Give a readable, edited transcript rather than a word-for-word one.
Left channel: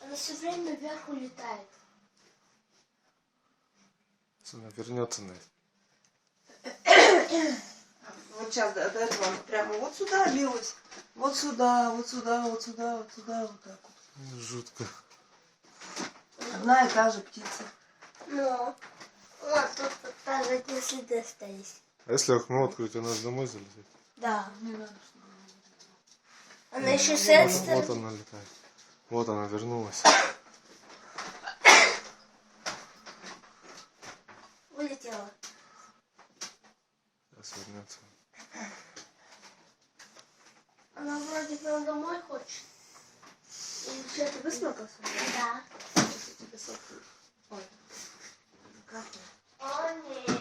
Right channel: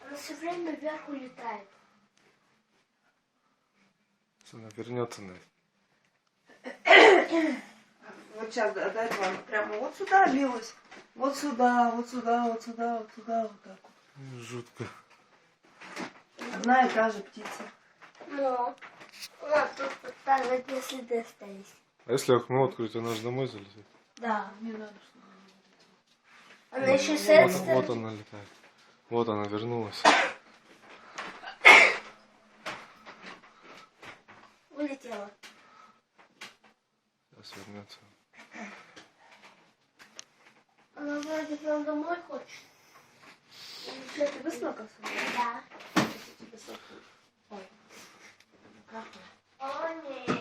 Она все время вверх улетает. Она вернется, Настя. Вот сейчас до этого она прямо вот сюда лилась. Вот сюда, вот сюда, вот сюда, вот сюда, вот так вот. Жутко. Одна и та же птица. Ну, тут даже одни следы остались. А если окно открыть, она же домой залетит? Да. Не надо, Она еще с этой Вот, стороны. вот она летает. Вот она вернулась. Улетела. Сейчас вернется. Она вроде бы домой хочет. Ты высморкался? Да. Ой. Как? О, нет.